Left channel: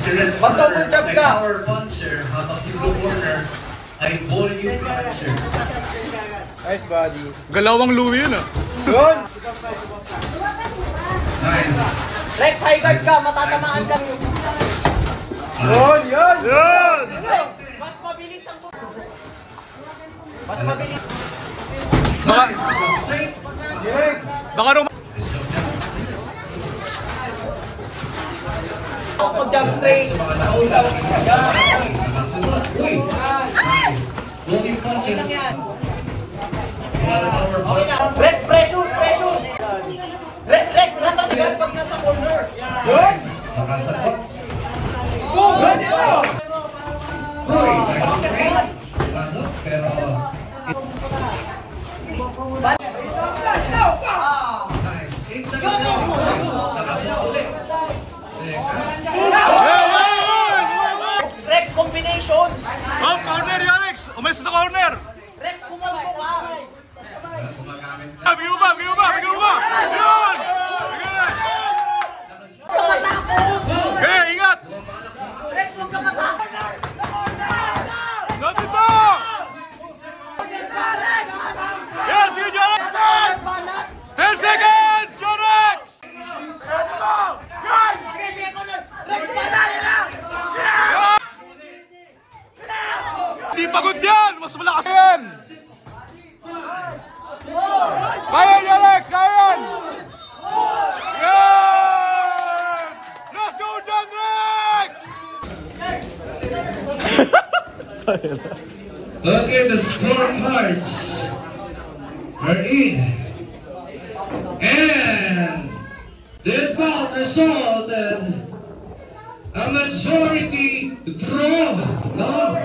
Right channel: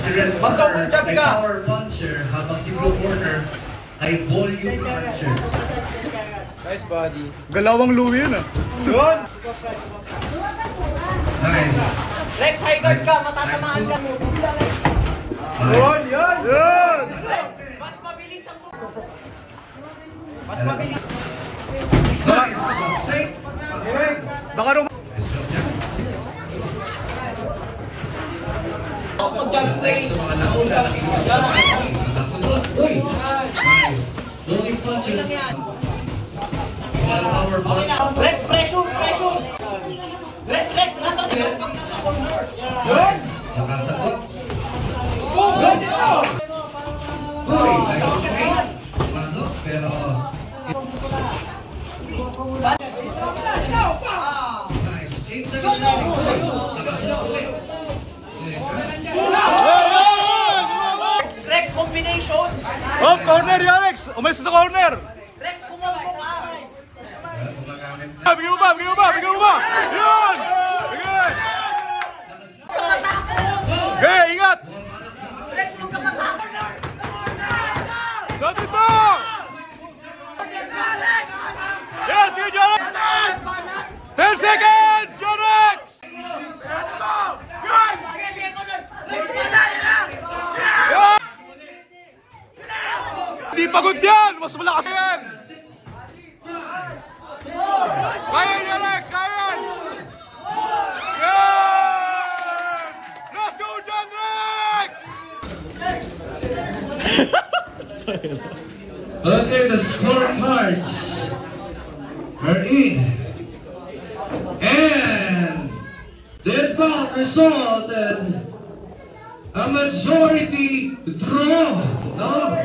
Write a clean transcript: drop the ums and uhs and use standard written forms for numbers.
Si Red Puncher ay power puncher, habang si Blue Corner ay volume puncher. Nice body. Galawang Louie yun ah. Yun! Nice. Rex, high guard ka, matatamaan ka. Yun! Yun! Yun! Mas mabilis ang... Mas mabilis. Nice! Baka nung... Jump straight. Sa mga naula, uy! Nice. Volume punches. Power punch. Rex, pressure, pressure. Rex, natatagal pag nasa corner. Yes! Nakasagot. Uy! Nice straight. Pasok, pero... Nice. Inside the zone. Nakasagot ulit. Rex, combination. Oh, corner yan, Alex! Umalis sa corner! Rex, kumampo ka. Bigyan mo ba? Bigyan mo ba? Bigyan mo ba? Yun! Bigyan! Okay, ingat! Sabi po! Yes, sige, Jorex! 10 seconds, Jorex! Hindi pagod yan! Mas malakas yan! Kaya yan, Alex! Kaya yan! Yan! Let's go, John Rex! Okay, the scorecards are in. And this bout resulted a majority draw, no?